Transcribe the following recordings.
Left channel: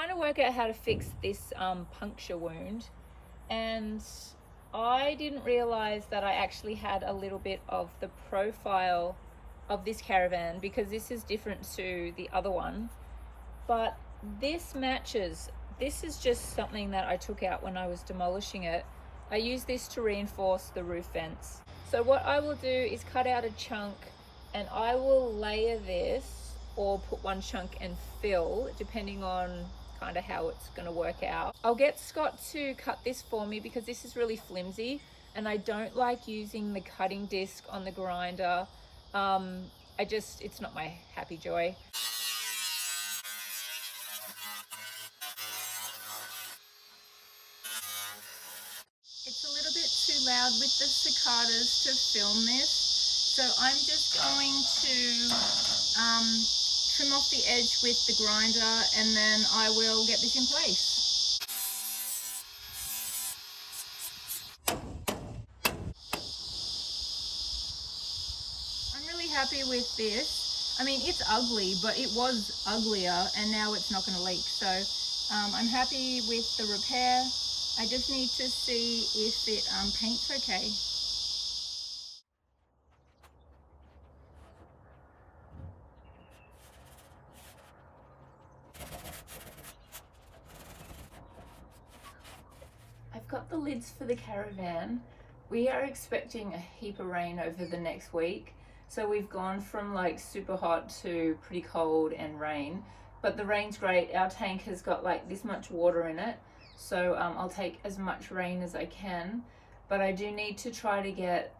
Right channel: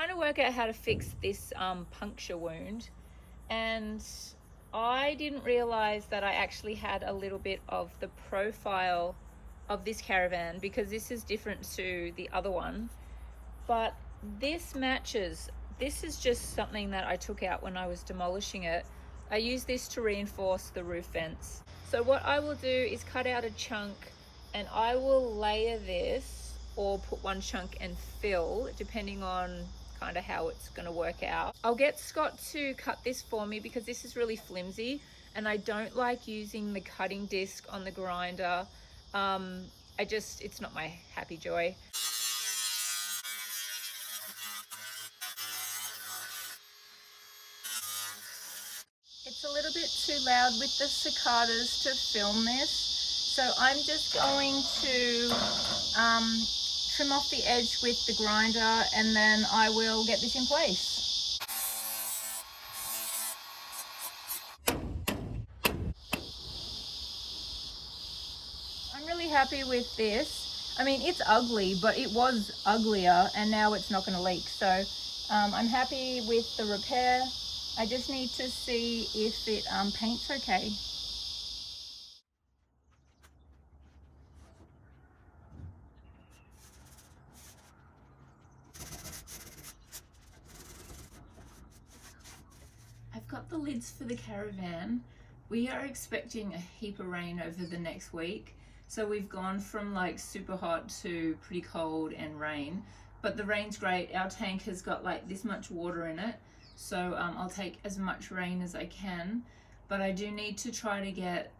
trying to work out how to fix this puncture wound, and I didn't realize that I actually had a little bit of the profile of this Caravan, because this is different to the other one, but this matches. This is just something that I took out when I was demolishing it. I use this to reinforce the roof vents. So what I will do is cut out a chunk and I will layer this, or put one chunk and fill, depending on kind of how it's going to work out. I'll get Scott to cut this for me because this is really flimsy and I don't like using the cutting disc on the grinder. It's not my happy joy. It's a little bit too loud with the cicadas to film this, so I'm just going to trim off the edge with the grinder and then I will get this in place. I'm really happy with this. I mean, it's ugly, but it was uglier and now it's not going to leak. So I'm happy with the repair. I just need to see if it paints okay. I've got the lids for the Caravan. We are expecting a heap of rain over the next week. So we've gone from like super hot to pretty cold and rain, but the rain's great. Our tank has got like this much water in it. So I'll take as much rain as I can, but I do need to try to get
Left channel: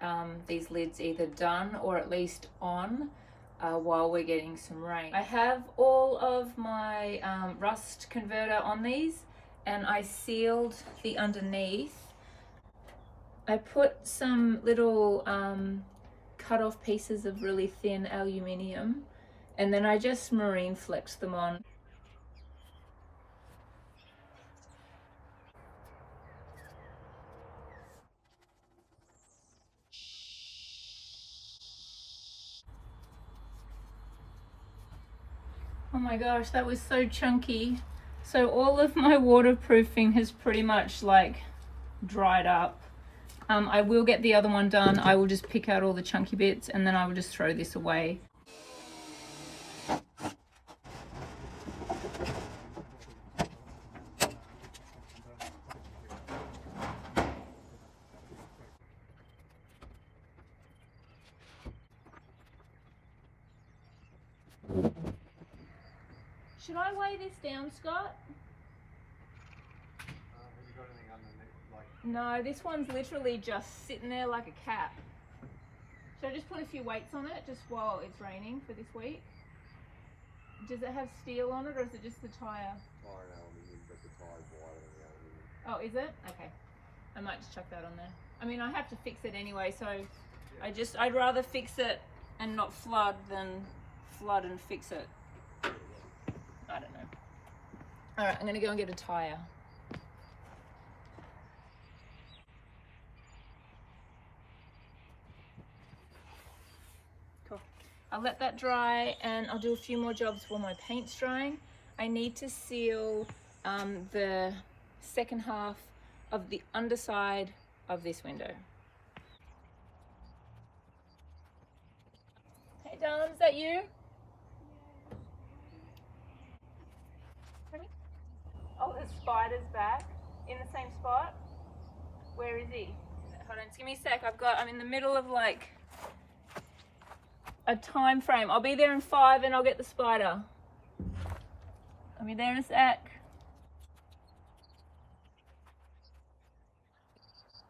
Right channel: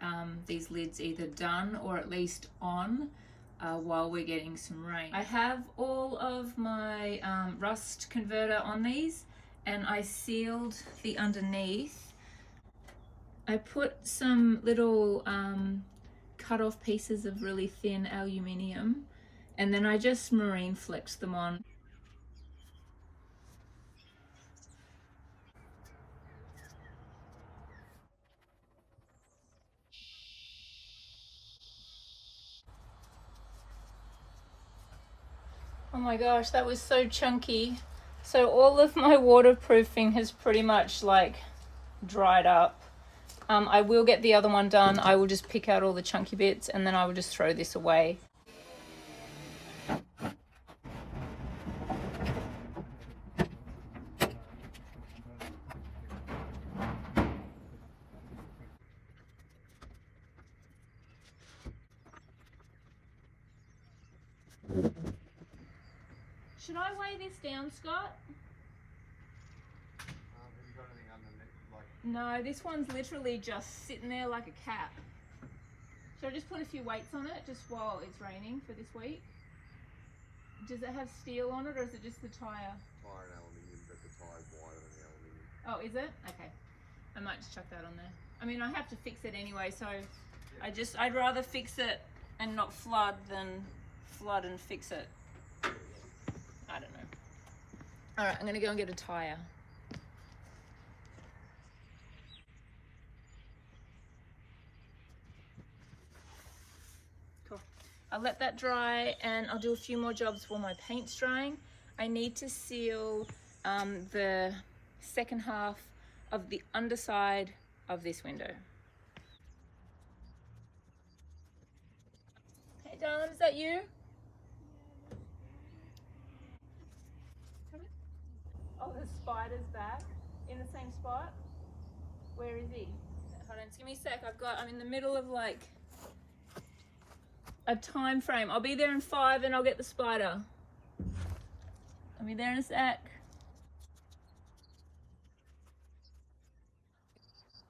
these lids either done or at least on while we're getting some rain. I have all of my rust converter on these, and I sealed the underneath. I put some little cut off pieces of really thin aluminium, and then I just marine flexed them on. Oh my gosh, that was so chunky. So all of my waterproofing has pretty much like dried up. I will get the other one done. I will just pick out all the chunky bits and then I will just throw this away. Should I weigh this down, Scott? Have you got anything underneath? No, this one's literally just sitting there like a cap. Should I just put a few weights on it just while it's raining for this week? Does it have steel on it or is it just the tyre? Tyre and aluminium, but the tyre's wider than the aluminium. Oh, is it? Okay. I might just chuck that on there. I mean, I have to fix it anyway, so yeah. I'd rather fix it and not flood than flood and fix it. I don't know. All right, I'm gonna go and get a tyre. Cool. I'll let that dry and I'll do a few more jobs while my paint's drying. I need to seal the second half of the underside of this window. Hey darling, is that you? Oh, the spider's back in the same spot. Where is he? Hold on, just give me a sec. I'm in the middle of like a time frame. I'll be there in 5 and I'll get the spider. I'll be there in a sec.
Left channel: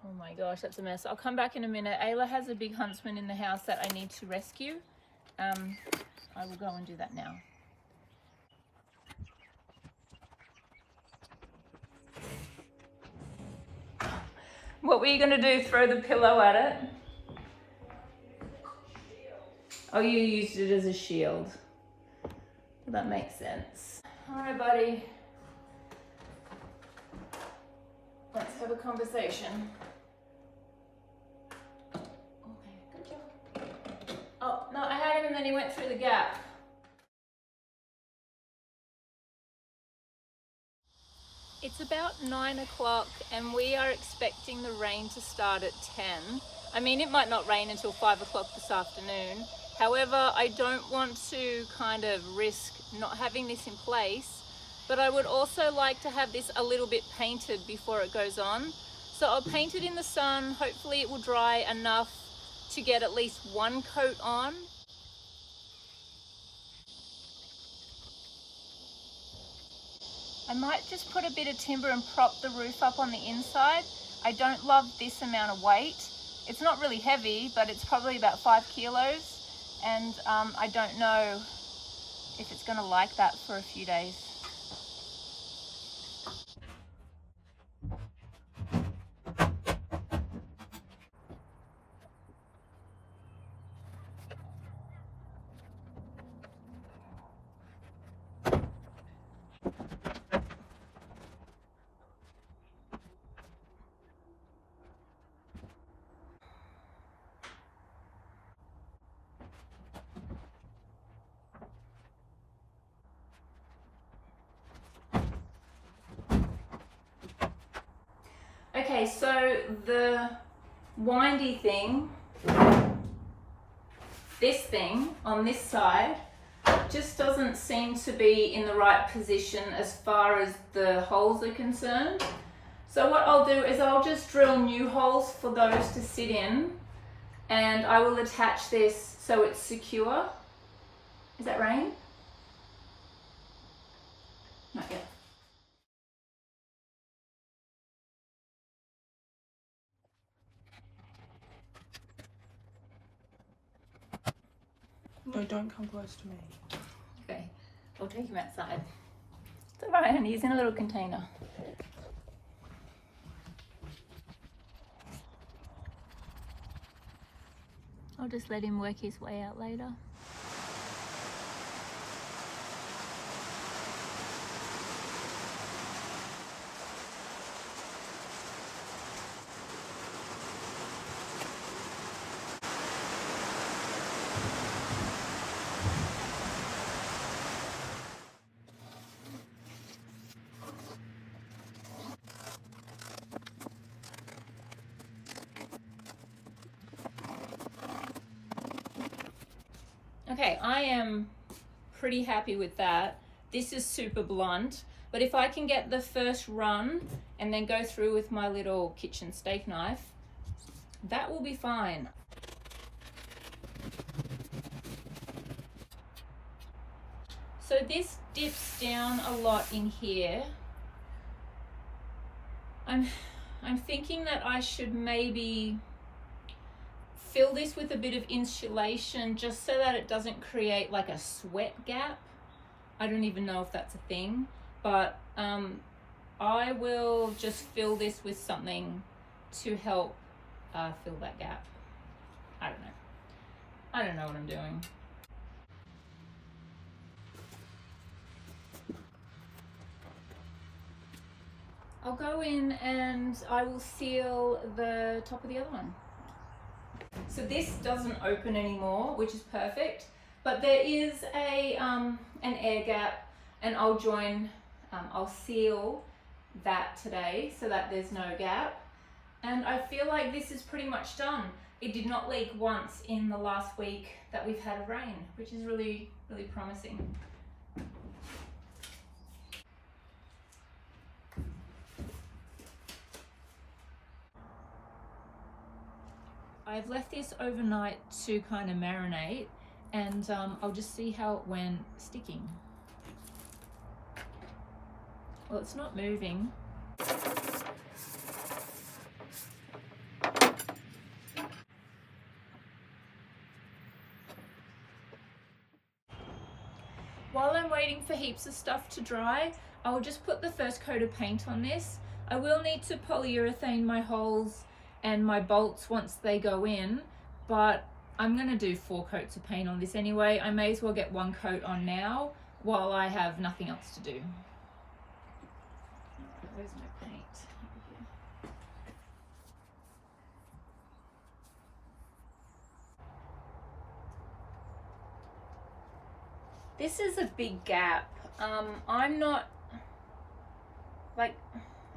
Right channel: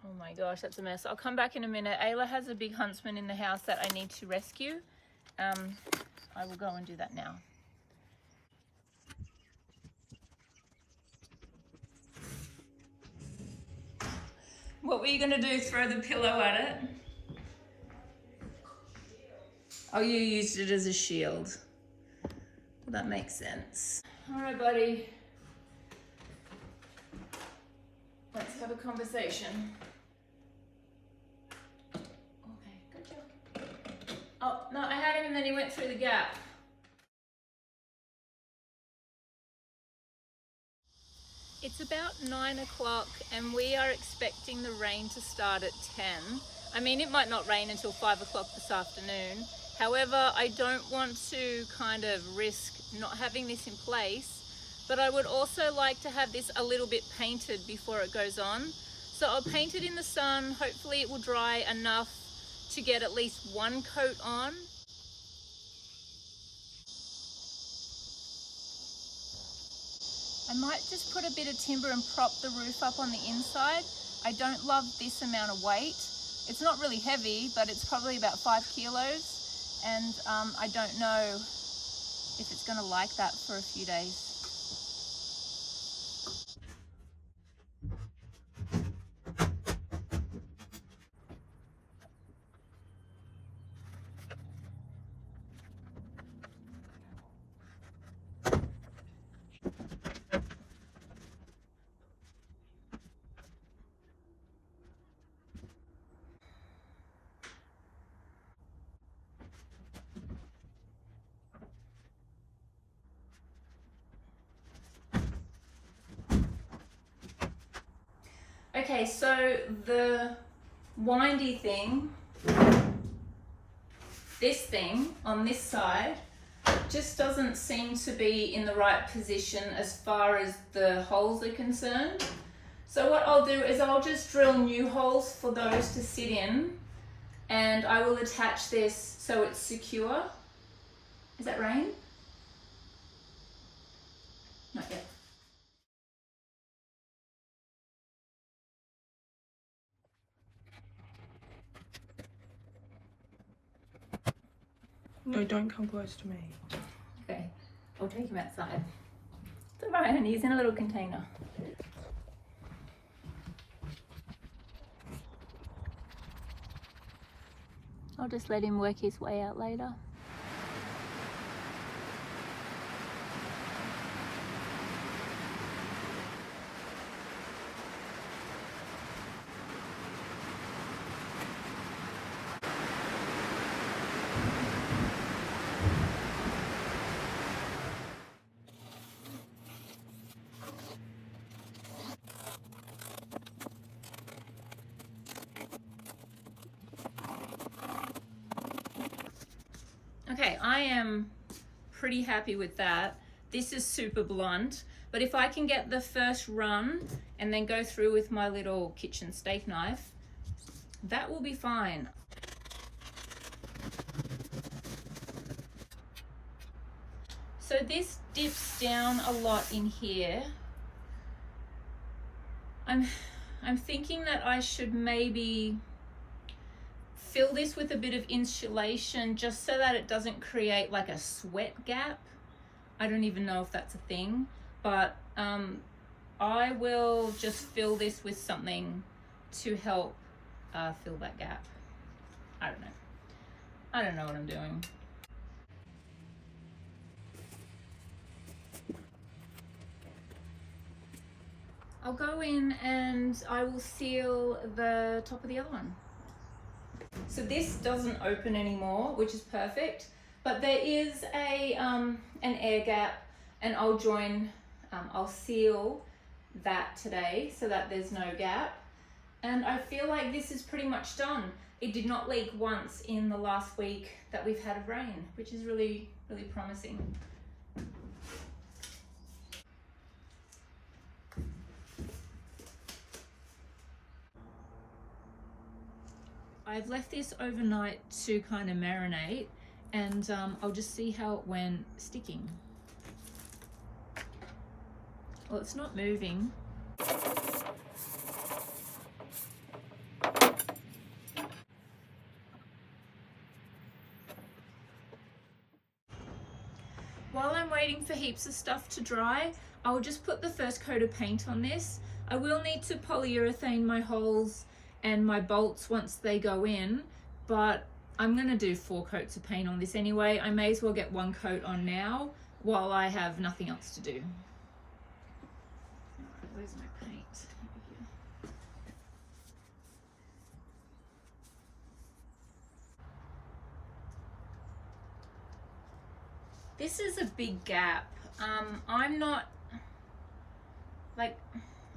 Oh my gosh, that's a mess. I'll come back in a minute. Ayla has a big huntsman in the house that I need to rescue. I will go and do that now. What were you going to do? Throw the pillow at it? Oh, you used it as a shield. Well, that makes sense. All right, buddy. Let's have a conversation. Okay, good job. Oh, no, I had him and then he went through the gap. It's about 9 o'clock and we are expecting the rain to start at 10. I mean, it might not rain until 5 o'clock this afternoon. However, I don't want to kind of risk not having this in place, but I would also like to have this a little bit painted before it goes on. So I'll paint it in the sun. Hopefully it will dry enough to get at least one coat on. I might just put a bit of timber and prop the roof up on the inside. I don't love this amount of weight. It's not really heavy, but it's probably about 5 kilos. And I don't know if it's gonna like that for a few days. Okay, so the windy thing, this thing on this side, just doesn't seem to be in the right position as far as the holes are concerned. So what I'll do is I'll just drill new holes for those to sit in, and I will attach this so it's secure. Is that rain? Not yet. No, don't come close to me. Okay, I'll take him outside. It's all right, honey, he's in a little container. I'll just let him work his way out later. Okay, I am pretty happy with that. This is super blunt, but if I can get the first run and then go through with my little kitchen steak knife, that will be fine. So this dips down a lot in here. I'm thinking that I should maybe fill this with a bit of insulation just so that it doesn't create like a sweat gap. I don't even know if that's a thing, but I will just fill this with something to help fill that gap. I don't know what I'm doing. I'll go in and I will seal the top of the other one. So this doesn't open anymore, which is perfect, but there is an air gap, and I'll seal that today so that there's no gap. And I feel like this is pretty much done. It did not leak once in the last week that we've had rain, which is really, really promising. I've left this overnight to kind of marinate, and I'll just see how it went sticking. Well, it's not moving. While I'm waiting for heaps of stuff to dry, I'll just put the first coat of paint on this. I will need to polyurethane my holes and my bolts once they go in, but I'm gonna do 4 coats of paint on this anyway. I may as well get 1 coat on now while I have nothing else to do. All right, where's my paint? Over here. This is a big gap. I'm not, like,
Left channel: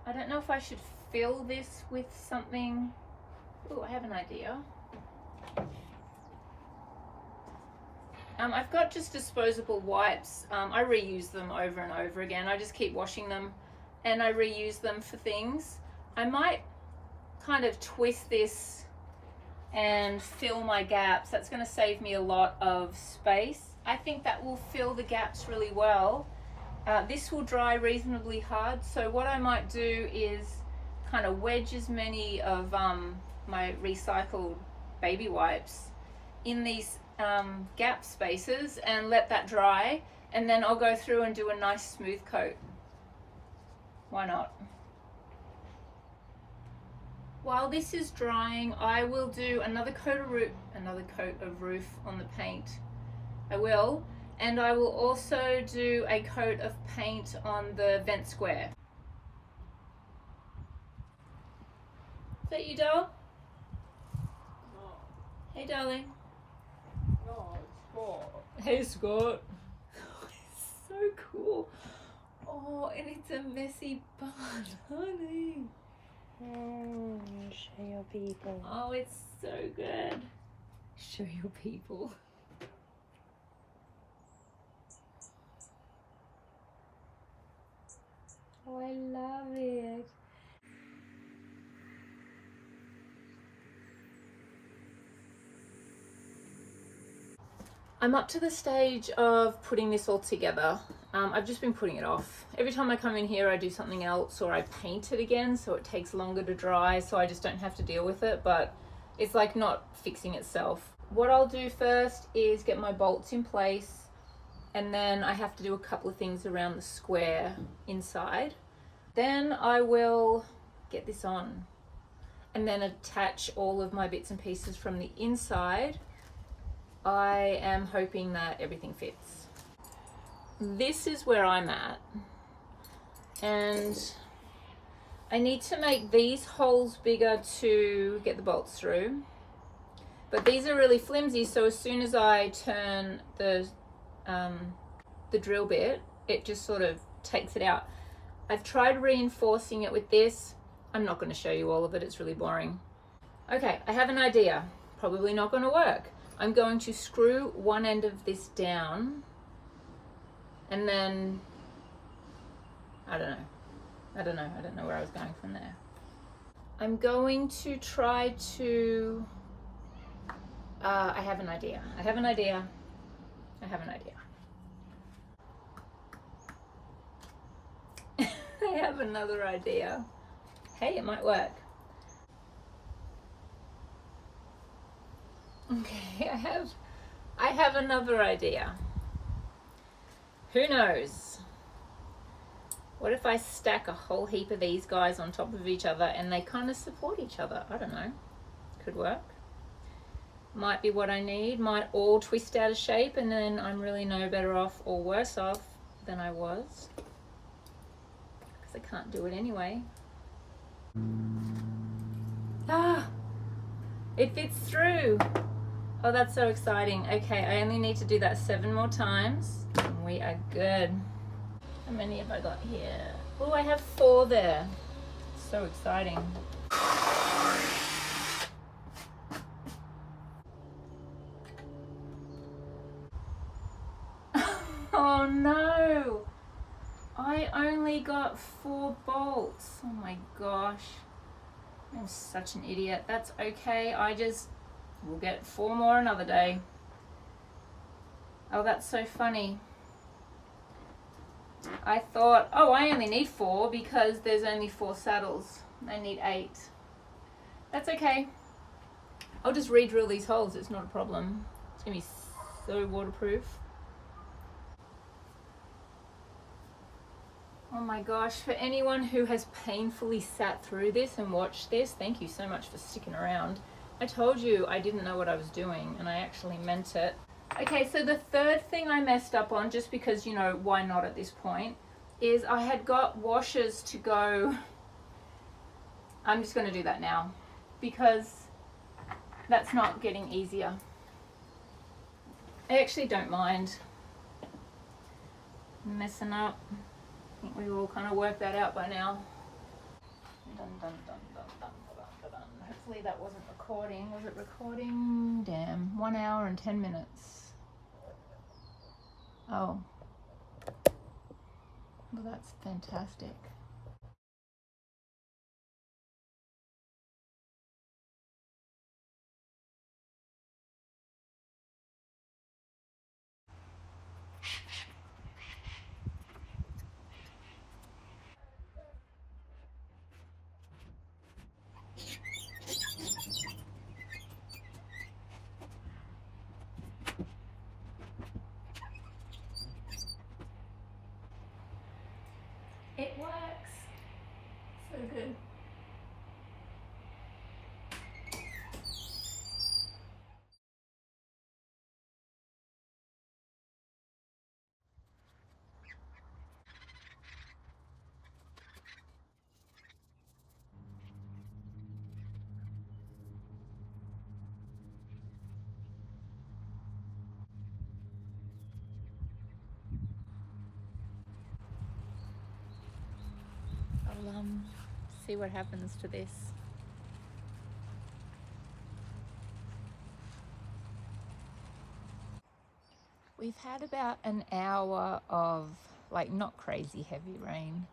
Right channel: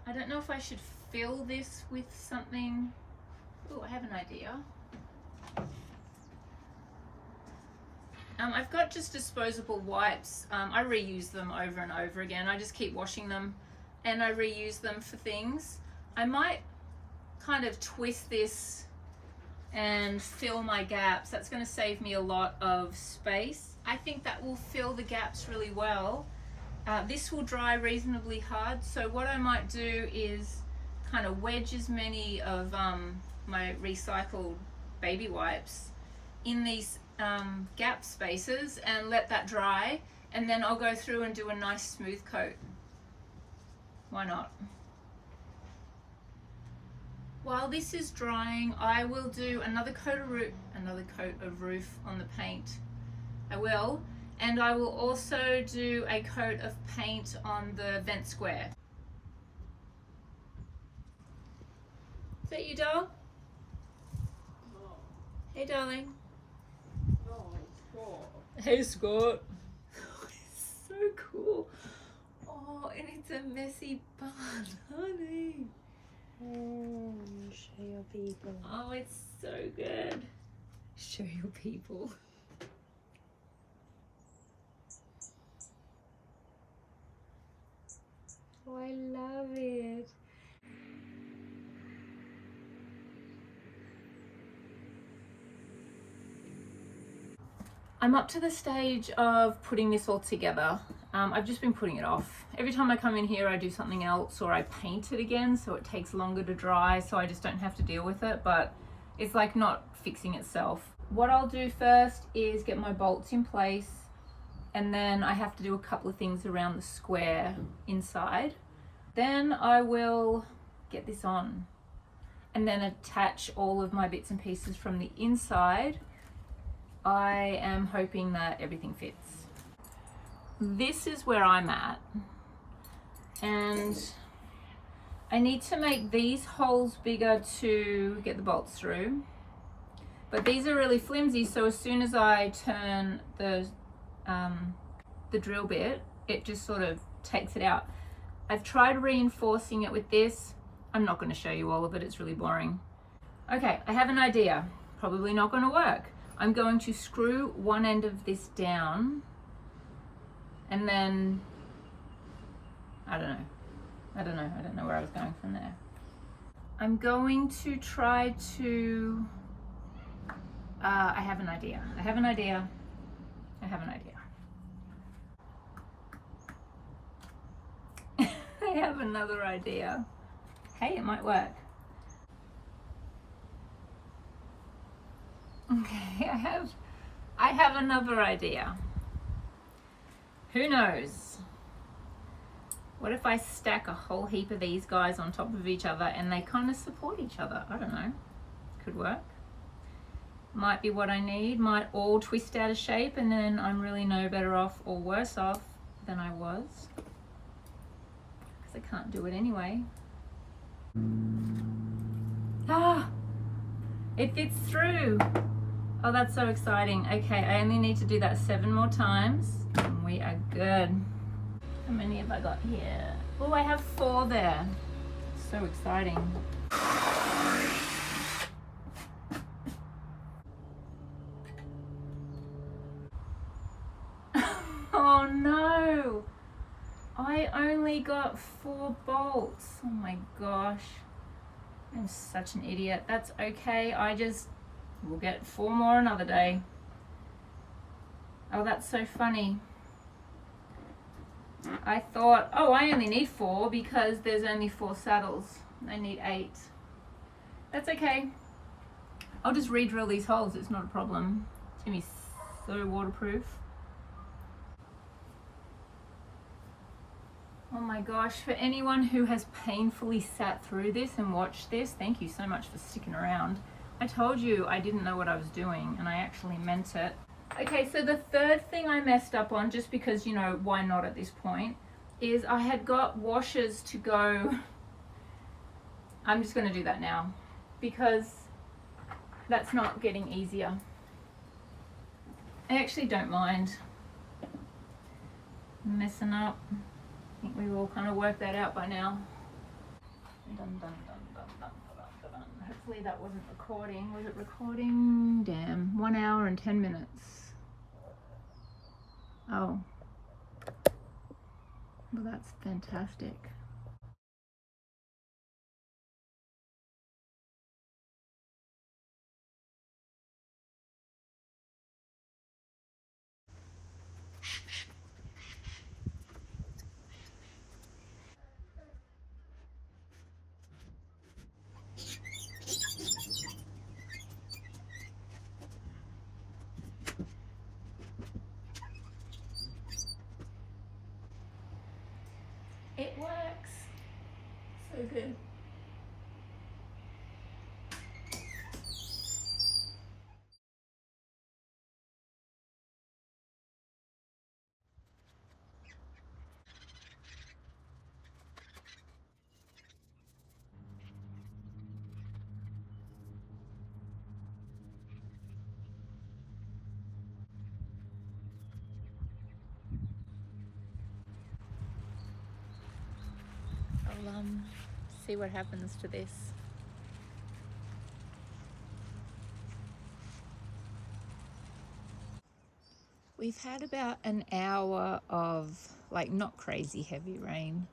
I don't know if I should fill this with something. Oh, I have an idea. I've got just disposable wipes. I reuse them over and over again. I just keep washing them and I reuse them for things. I might kind of twist this and fill my gaps. That's going to save me a lot of space. I think that will fill the gaps really well. This will dry reasonably hard, so what I might do is kind of wedge as many of my recycled baby wipes in these gap spaces and let that dry, and then I'll go through and do a nice smooth coat. Why not? While this is drying, I will do another coat of roof on the paint. I will, and I will also do a coat of paint on the vent square. Is that you, doll? No. Hey, darling. No, Scott. Hey, Scott. It's so cool. Oh, and it's a messy bun, honey. Show your people. Oh, it's so good. Show your people. Oh, I love it. I'm up to the stage of putting this all together. I've just been putting it off. Every time I come in here, I do something else or I paint it again, so it takes longer to dry, so I just don't have to deal with it, but it's like not fixing itself. What I'll do first is get my bolts in place, and then I have to do a couple of things around the square inside. Then I will get this on and then attach all of my bits and pieces from the inside. I am hoping that everything fits. This is where I'm at, and I need to make these holes bigger to get the bolts through, but these are really flimsy, so as soon as I turn the drill bit, it just sort of takes it out. I've tried reinforcing it with this. I'm not going to show you all of it, it's really boring. Okay, I have an idea. Probably not going to work. I'm going to screw one end of this down, and then I don't know where I was going from there. I'm going to try to I have an idea. I have another idea. Hey, it might work. Okay, I have another idea. Who knows? What if I stack a whole heap of these guys on top of each other and they kind of support each other? I don't know. Could work. Might be what I need. Might all twist out of shape and then I'm really no better off or worse off than I was. Because I can't do it anyway. Ah! It fits through! Oh, that's so exciting. Okay, I only need to do that 7 more times and we are good. How many have I got here? Oh, I have 4 there. So exciting. Oh no! I only got 4 bolts. Oh my gosh. I'm such an idiot. That's okay. We'll get 4 more another day. Oh, that's so funny. I thought, oh, I only need 4 because there's only 4 saddles. I need 8. That's okay. I'll just re-drill these holes. It's not a problem. It's gonna be so waterproof. Oh my gosh, for anyone who has painfully sat through this and watched this, thank you so much for sticking around. I told you I didn't know what I was doing and I actually meant it. Okay, so the third thing I messed up on, just because, you know, why not at this point, is I had got washers to go. I'm just going to do that now because that's not getting easier. I actually don't mind messing up. I think we all kind of worked that out by now. Dun, dun, dun, dun, dun, dun, dun, dun. Hopefully that wasn't recording. Was it recording? Damn, 1 hour and 10 minutes. Oh, well, that's fantastic. It works. So good. I'll see what happens to this. We've had about an hour of like not crazy heavy rain.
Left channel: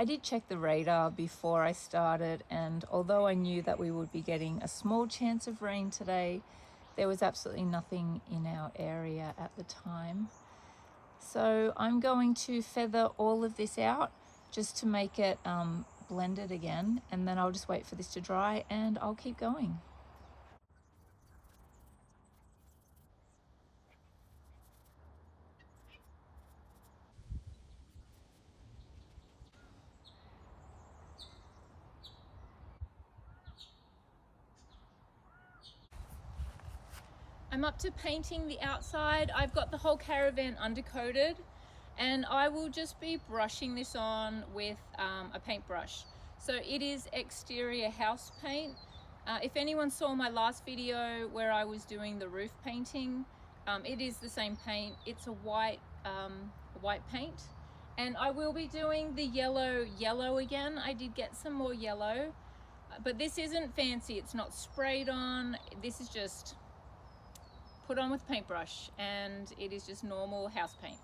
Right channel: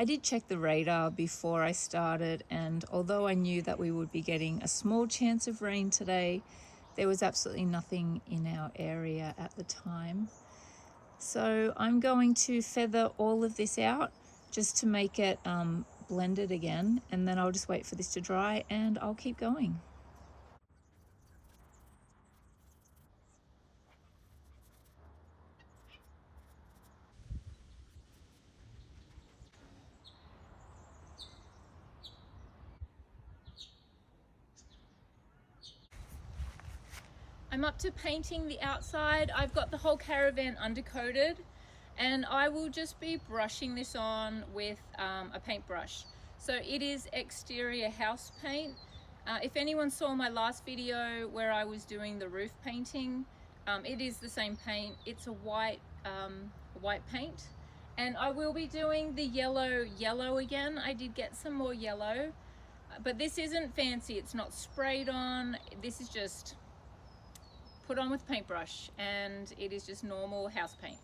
I did check the radar before I started, and although I knew that we would be getting a small chance of rain today, there was absolutely nothing in our area at the time. So I'm going to feather all of this out just to make it blended again, and then I'll just wait for this to dry and I'll keep going. I'm up to painting the outside. I've got the whole caravan undercoated, and I will just be brushing this on with a paintbrush. So it is exterior house paint. If anyone saw my last video where I was doing the roof painting, it is the same paint. It's a white paint, and I will be doing the yellow again. I did get some more yellow, but this isn't fancy. It's not sprayed on. This is just put on with paintbrush, and it is just normal house paint.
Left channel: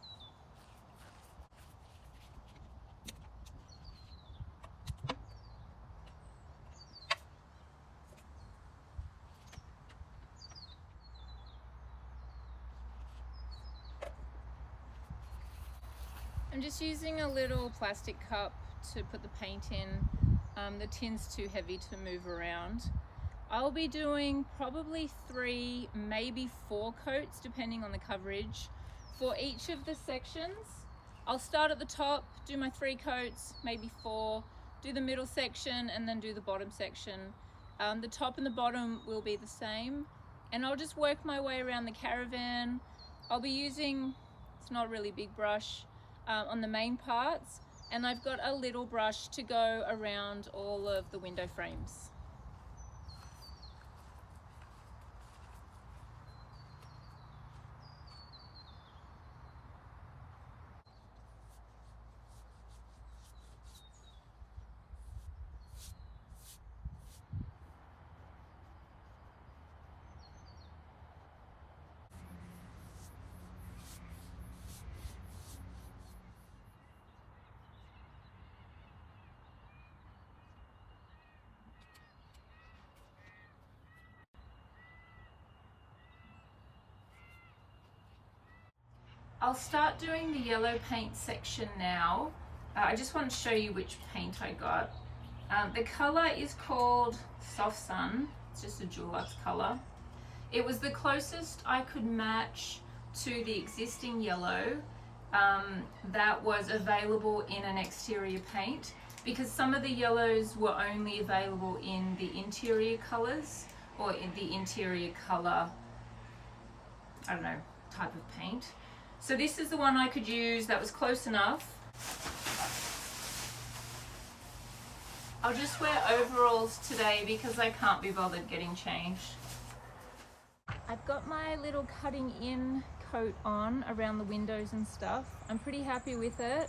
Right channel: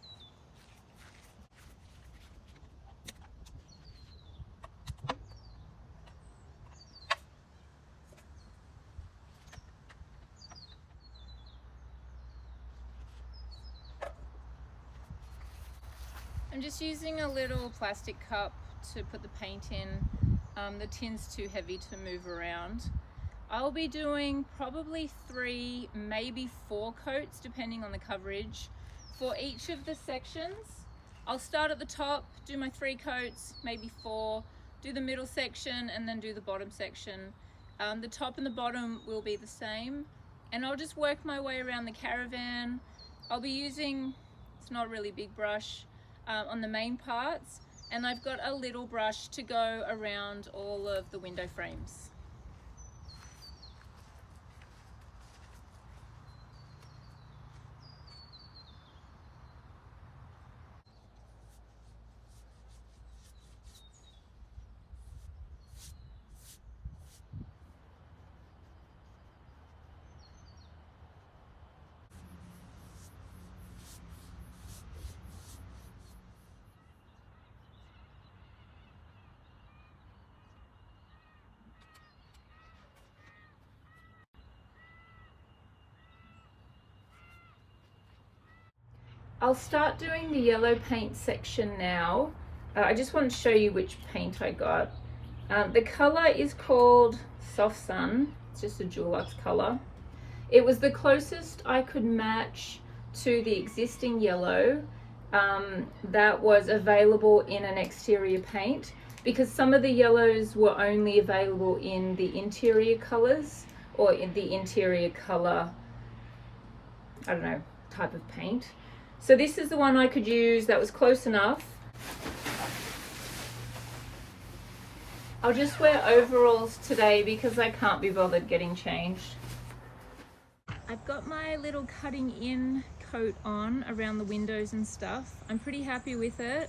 I'm just using a little plastic cup to put the paint in. The tin's too heavy to move around. I'll be doing probably 3, maybe 4 coats depending on the coverage for each of the sections. I'll start at the top, do my 3 coats, maybe 4, do the middle section, and then do the bottom section. The top and the bottom will be the same, and I'll just work my way around the caravan. I'll be using, it's not a really big brush, on the main parts, and I've got a little brush to go around all of the window frames. I'll start doing the yellow paint section now. I just want to show you which paint I got. The color is called Soft Sun. It's just a Dulux color. It was the closest I could match to the existing yellow that was available in an exterior paint, because some of the yellows were only available in the interior colors, or in the interior color, I don't know, type of paint. So this is the one I could use that was close enough. I'll just wear overalls today because I can't be bothered getting changed. I've got my little cutting in coat on around the windows and stuff. I'm pretty happy with it.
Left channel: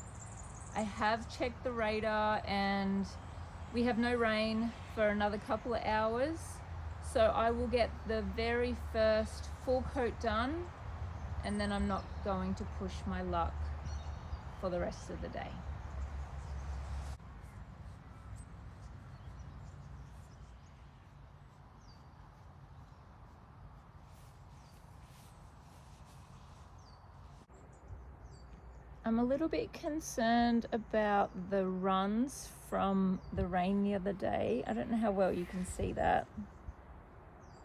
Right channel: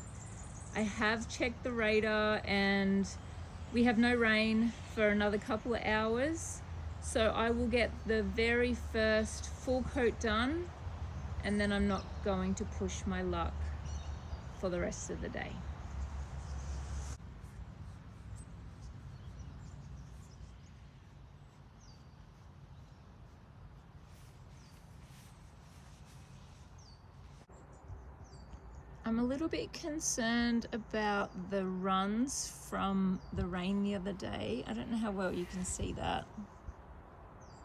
I have checked the radar, and We have no rain for another couple of hours, so I will get the very first full coat done, and then I'm not going to push my luck for the rest of the day. I'm a little bit concerned about the runs from the rain the other day. I don't know how well you can see that.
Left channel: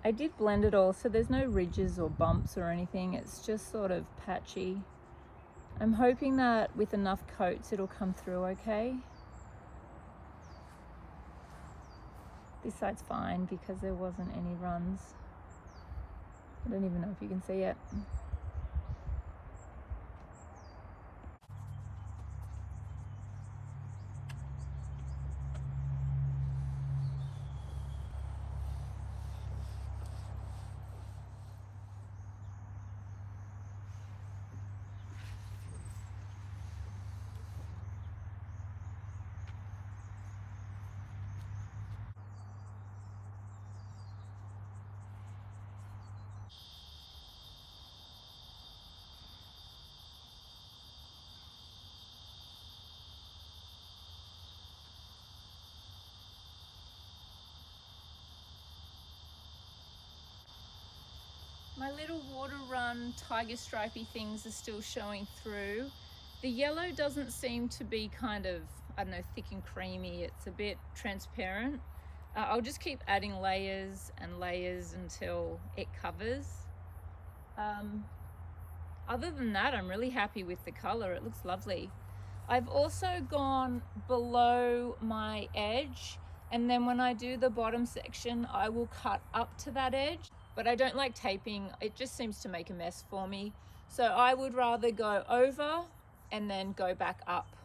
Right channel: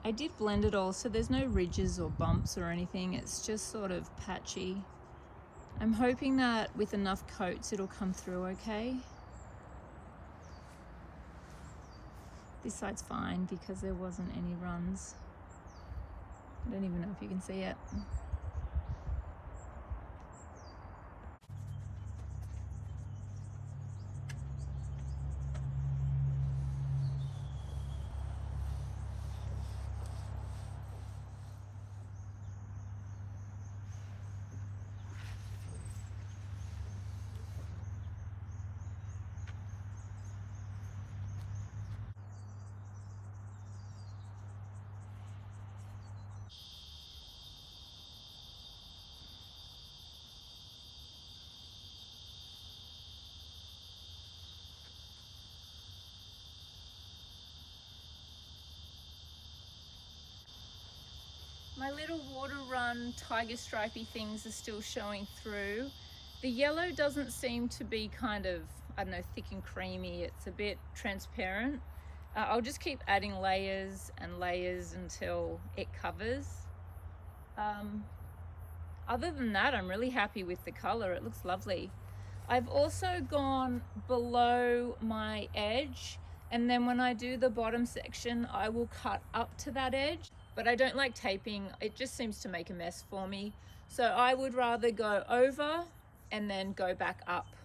I did blend it all, so there's no ridges or bumps or anything. It's just sort of patchy. I'm hoping that with enough coats it'll come through okay. This side's fine because there wasn't any runs. I don't even know if you can see it. My little water run tiger stripy things are still showing through. The yellow doesn't seem to be kind of, I don't know, thick and creamy. It's a bit transparent. I'll just keep adding layers and layers until it covers. Other than that, I'm really happy with the color. It looks lovely. I've also gone below my edge, and then when I do the bottom section, I will cut up to that edge. But I don't like taping. It just seems to make a mess for me. So I would rather go over and then go back up.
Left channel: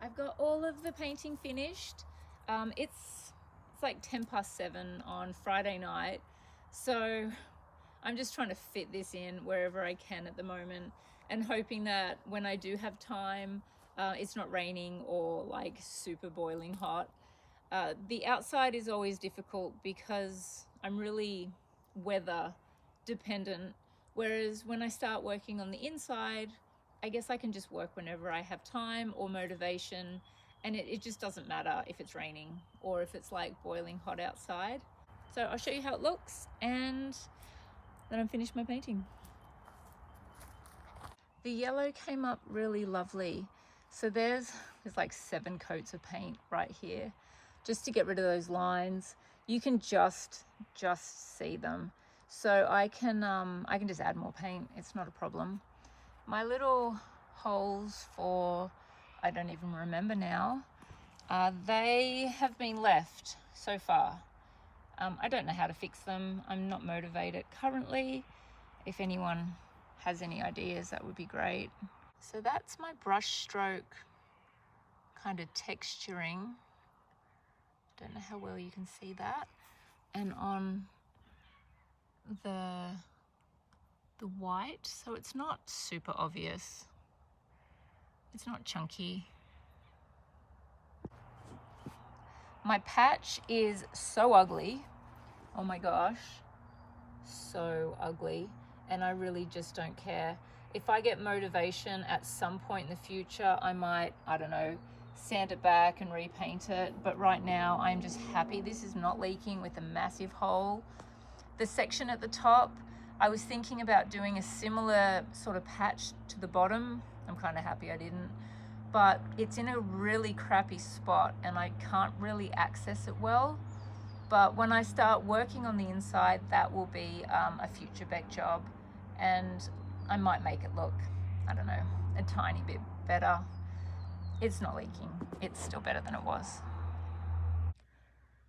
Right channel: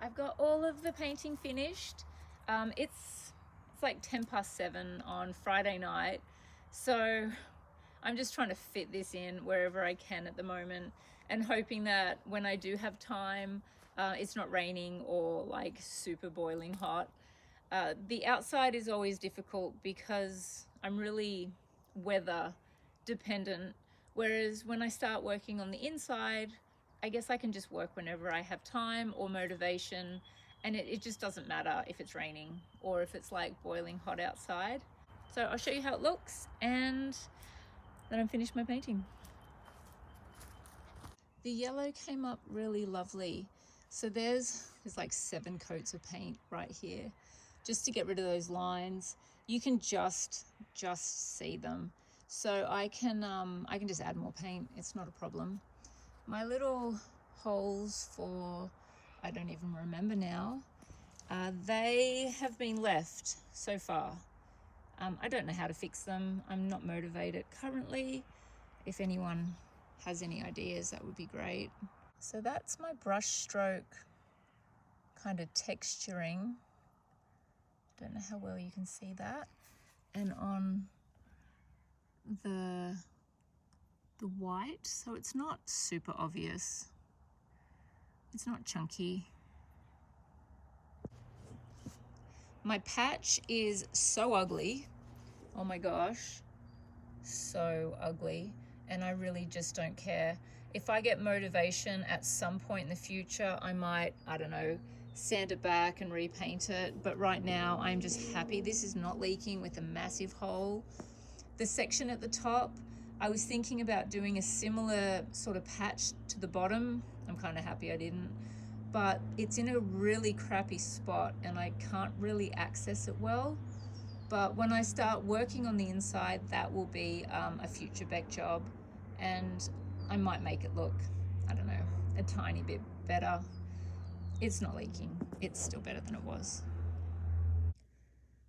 I've got all of the painting finished. It's like 7:10 on Friday night. So I'm just trying to fit this in wherever I can at the moment, and hoping that when I do have time, it's not raining or like super boiling hot. The outside is always difficult because I'm really weather dependent, whereas when I start working on the inside, I guess I can just work whenever I have time or motivation, and it just doesn't matter if it's raining or if it's like boiling hot outside. So I'll show you how it looks, and then I'm finished my painting. The yellow came up really lovely. So there's like 7 coats of paint right here, just to get rid of those lines. You can just see them. So I can just add more paint. It's not a problem. My little holes for, I don't even remember now, they have been left so far. I don't know how to fix them. I'm not motivated currently. If anyone has any ideas, that would be great. So that's my brush stroke kind of texturing. Don't know how well you can see that. And on the white, so it's not super obvious. It's not chunky. My patch is so ugly. Oh my gosh, so ugly. And I really just don't care. If I get motivation at some point in the future, I might, I don't know, sand it back and repaint it. But right now, I'm just happy this is not leaking with a massive hole. The section at the top, I was thinking about doing a similar sort of patch to the bottom. I'm kind of happy I didn't. But it's in a really crappy spot and I can't really access it well. But when I start working on the inside, that will be a future Beck job, and I might make it look, I don't know, a tiny bit better. It's not leaking. It's still better than it was.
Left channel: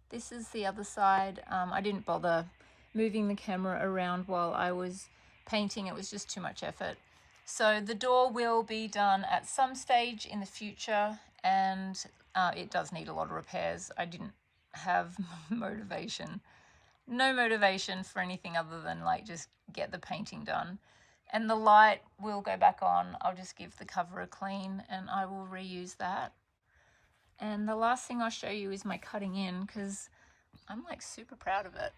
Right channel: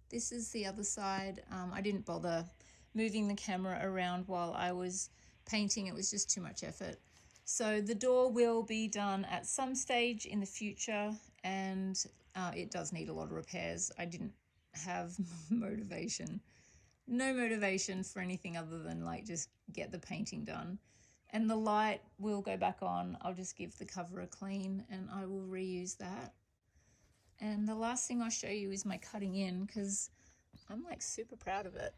This is the other side. I didn't bother moving the camera around while I was painting. It was just too much effort. So the door will be done at some stage in the future, and it does need a lot of repairs. I didn't have motivation. No motivation for anything other than like just get the painting done. And the light will go back on. I'll just give the cover a clean and I will reuse that. And the last thing I'll show you is my cutting in, because I'm like super proud of it.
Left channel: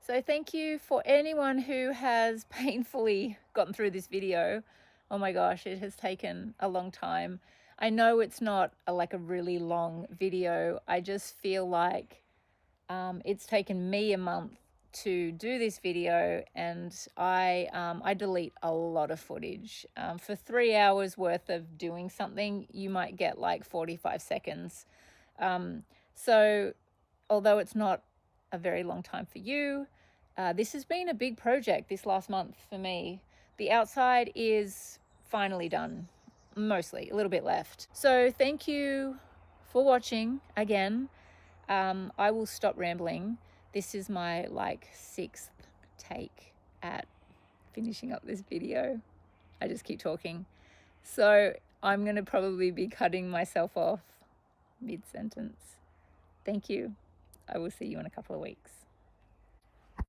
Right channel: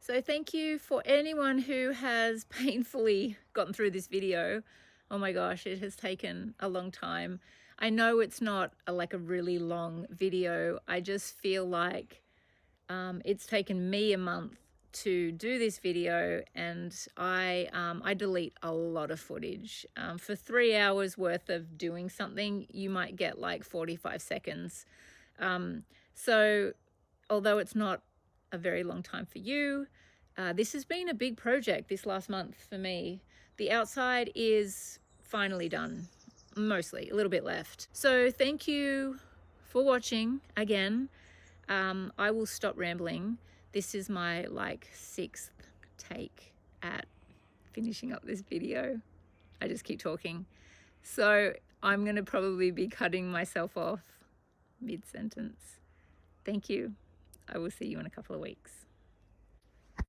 So thank you for anyone who has painfully gotten through this video. Oh my gosh, it has taken a long time. I know it's not like a really long video. I just feel like it's taken me a month to do this video, and I delete a lot of footage. For 3 hours worth of doing something, you might get like 45 seconds. So although it's not a very long time for you, this has been a big project this last month for me. The outside is finally done, mostly, a little bit left. So thank you for watching again. I will stop rambling. This is my like 6th take at finishing up this video. I just keep talking. So I'm gonna probably be cutting myself off mid-sentence. Thank you. I will see you in a couple of weeks.